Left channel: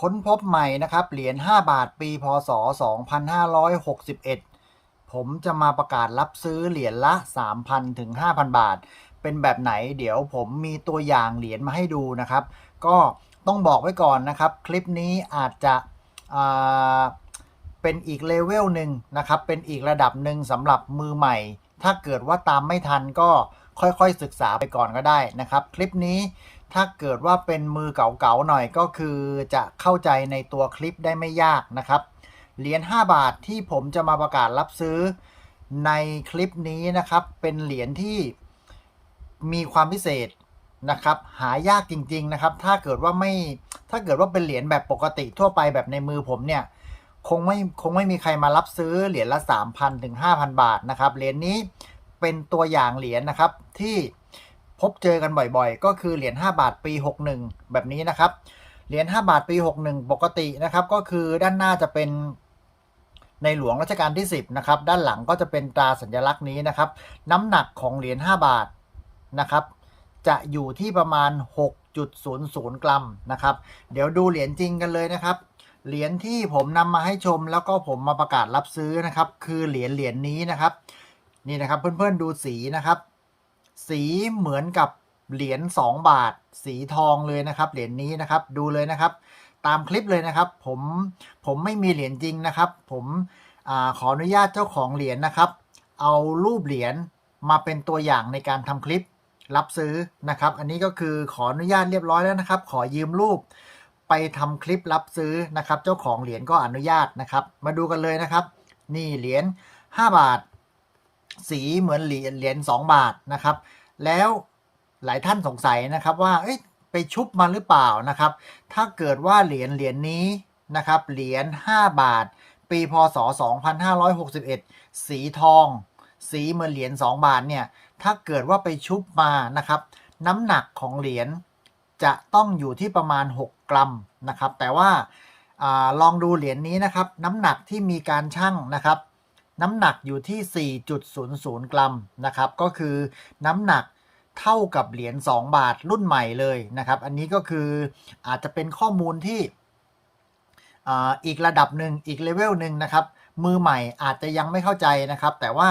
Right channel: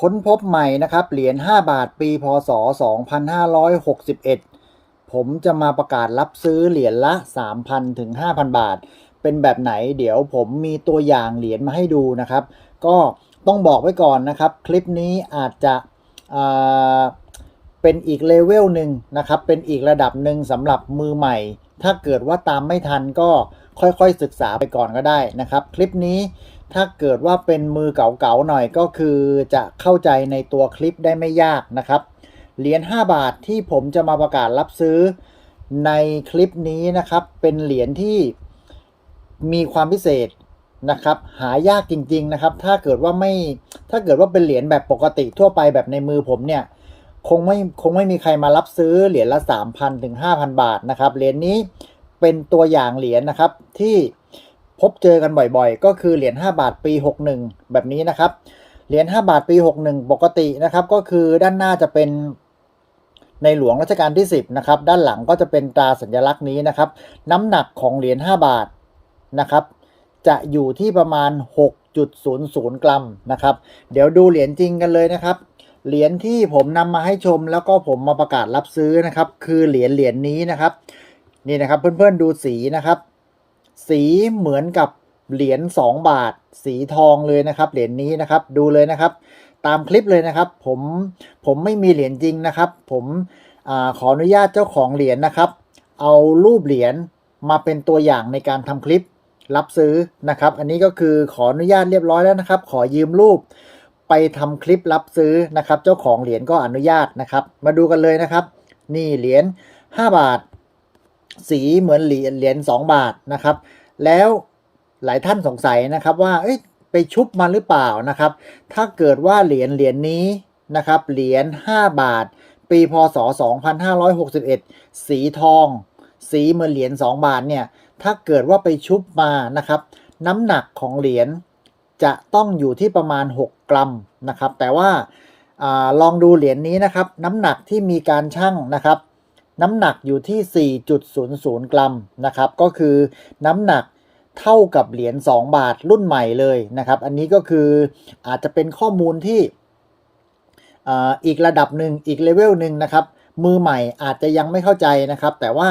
ค้นพบใหม่นะครับ เหรียญ5บาทปีพศ 2561 ผมจะมาประกาศรับซื้อเหรียญละ 3,000 ถึง 5,000 บาท เป็นแบบไหนเดี๋ยวผมมีตัวอย่างเหรียญมาให้ดูนะครับ ก็ต้องบอกไว้ก่อนนะครับ คลิปนี้อาจจะเป็นอีกเลเวลหนึ่งนะครับ เป็นอีกระดับหนึ่งสำหรับมือใหม่ ถ้าเกิดว่าตามไม่ทันก็ค่อยๆศึกษาไปก่อนก็ได้นะครับ คลิปนี้ ถ้าเกิดว่าเป็นมือเก่าๆหน่อยก็คือจะเข้าใจในตัวคลิปได้ไม่ยากนะครับ เหรียญ5บาทที่ผมจะมาประกาศรับซื้อในคลิปนี้นะครับ เป็นเหรียญที่มีความพิเศษนะครับ หายากจริง ๆนะครับ ถ้าเกิดว่าไม่ถ้าเกิดว่าเป็นเหรียญแบบปกติทั่วไปแบบในมือผมเนี่ยคงไม่คงไม่มีใครมารับซื้อเหรียญละ 3,000ถึง5,000 บาทนะครับเหรียญนี้เป็นตัวอย่างเหรียญนะครับที่ พบเจอกันบ่อยๆ ก็คือเหรียญ5บาทปี 61 แบบนี้นะครับ เหรียญ5บาทปี 61 ปกตินะครับ ก็คือด้านหน้าจะเป็นในหลวงรัชกาลที่ 10 นะครับ ด้านหลังก็จะเป็นตราสัญลักษณ์นี้นะครับ น้ำหนักของเหรียญ5บาทนะครับ จะอยู่ที่ประมาณ 6.00 กรัมนะครับ เดี๋ยวดูเหรียญจริงกันเลยนะครับ เหรียญที่ผมนำมาให้ชมแล้วก็ผมมาประกาศรับซื้อนะครับ คือเหรียญเหรียญนี้นะครับ นี่นะครับเพื่อนๆดูสีนะครับ สีเหมือนกับเหรียญ2 บาท สีทองเลยนะครับเหรียญนี้นะครับดูเลยนะครับ ตามคลิปเลยนะครับ ผมผมไม่มีเหรียญจริงนะครับ ผมอขออนุญาตเจ้าของเหรียญนะครับ เอารูปเหรียญมาเป็นตัวอย่างในการทำคลิปรับซื้อนะครับ อันนี้ก็คือขออนุญาตเรียบร้อยแล้วนะครับ ขอยืมรูปไปทำคลิปรับซื้อนะครับ เจ้าของเหรียญก็อนุญาตนะครับ มาดูกันเลยนะครับ นี่เหรียญ5บาท สีเหมือนเหรียญเหรียญ2บาทนะครับ แล้วหลายท่านสงสัยนะครับว่าเอ้ยไปชุบมาหรือเปล่านะครับ ถ้าเกิดว่าเหรียญเหรียญนี้นะครับ เหรียญ5บาท ปีพศ 2561 สีทอง สีเหมือนเหรียญ2บาทเนี่ย ถ้าเกิดว่าไปชุบมานะครับ น้ำหนักของเหรียญจะต้องอยู่ที่ประมาณ 6 กรัมนะครับ แต่ว่าอลองดูเหรียญนี้นะครับ น้ำหนักที่มีการชั่งนะครับ น้ำหนักอยู่ที่ 4.00 กรัมนะครับ ก็คือน้ำหนัก เท่ากับเหรียญ2 บาทรุ่นใหม่เลยนะครับ อันนี้ก็คืออาจจะเป็นข้อมูลที่อ,อีกระดับหนึ่งอีกเลเวลหนึ่งนะครับ มือใหม่อาจจะยังไม่เข้าใจนะครับ แต่ว่า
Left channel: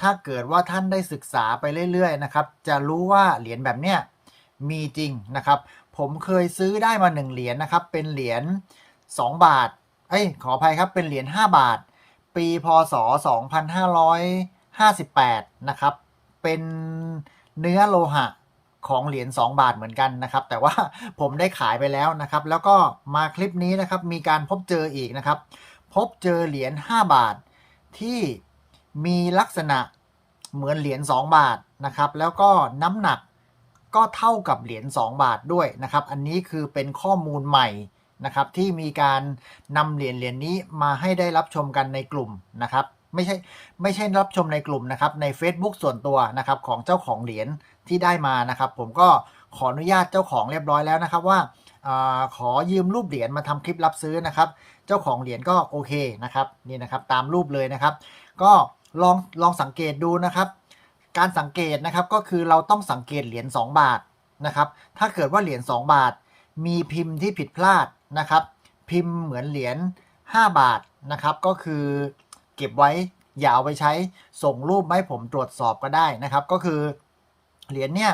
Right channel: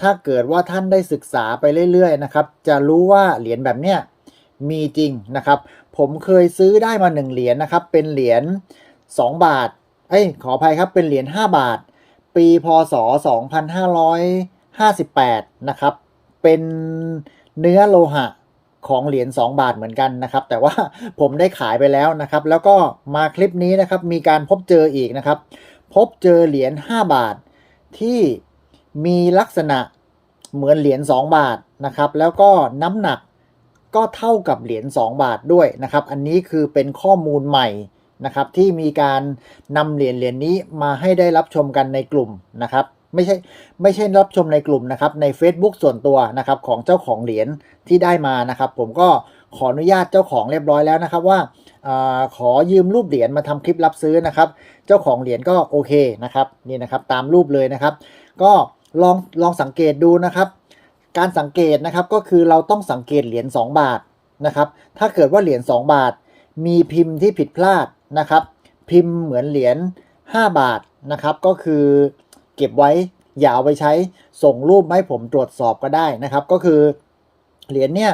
ถ้าเกิดว่าท่านได้ศึกษาไปเรื่อยๆนะครับ จะรู้ว่าเหรียญแบบเนี้ยมีจริงนะครับ ผมเคยซื้อได้มา1เหรียญนะครับ เป็นเหรียญ2บาทเอ้ยขออภัยครับเป็นเหรียญ5บาท ปีพศ 2558 นะครับ เป็น เนื้อโลหะของเหรียญ2 บาทเหมือนกันนะครับ แต่ว่าผมได้ขายไปแล้วนะครับ แล้วก็มาคลิปนี้นะครับ มีการพบเจออีกนะครับ พบเจอเหรียญ5บาท ที่มีลักษณะเหมือนเหรียญ2 บาทนะครับ แล้วก็น้ำหนักก็เท่ากับเหรียญ2 บาทด้วยนะครับ อันนี้คือเป็นข้อมูลใหม่นะครับ ที่มีการนำเหรียญเหรียญนี้มาให้ได้รับชมกันในกลุ่มนะครับ ไม่ใช่ไม่ใช่รับชมในกลุ่มนะครับใน Facebook ส่วนตัวนะครับของเจ้าของเหรียญที่ได้มานะครับ ผมก็ขออนุญาตเจ้าของเรียบร้อยแล้วนะครับว่าอขอยืมรูปเหรียญมาทำคลิปรับซื้อนะครับ เจ้าของเหรียญก็โอเคนะครับนี่นะครับตามรูปเลยนะครับ ก็ลองลองสังเกตดูนะครับ การสังเกตนะครับก็คือเราต้องสังเกตเหรียญ2 บาทนะครับ ถ้าเกิดว่าเหรียญ2บาท มีพิมพ์ที่ผิดพลาดนะครับ พิมพ์เหมือนเหรียญ5บาทนะครับ ก็คือ เก็บไว้อย่าเอาไปใช้ส่งรูปมาให้ผมตรวจสอบก็ได้นะครับ ก็คือเหรียญเนี่ย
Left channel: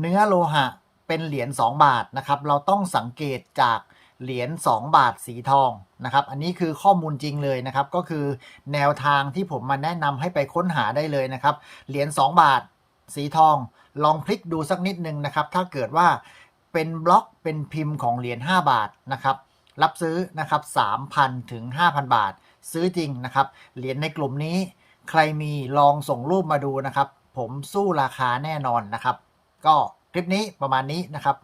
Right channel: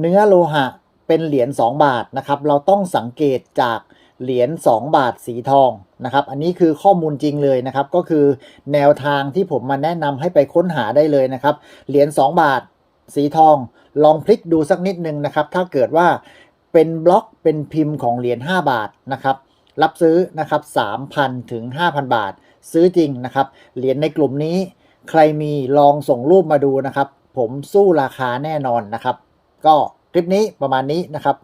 เนื้อโลหะเป็นเหรียญ2บาทนะครับ เราต้องสังเกตจากเหรียญ2บาทสีทองนะครับ อันนี้คือข้อมูลจริงเลยนะครับ ก็คือแนวทางที่ผมมาแนะนำให้ไปค้นหาได้เลยนะครับ เหรียญ2บาทสีทอง ลองพลิกดูสักนิดนึงนะครับ ถ้าเกิดว่าเป็นบล็อกเป็นพิมพ์ของเหรียญ5บาทนะครับ รับซื้อนะครับ3,000ถึง5,000 บาท ซื้อจริงนะครับ เหรียญในกลุ่มนี้ ใครมีลองส่งรูปมาดูนะครับ ผมสู้ราคาแน่นอนนะครับ ก็คลิปนี้ประมาณนี้นะครับ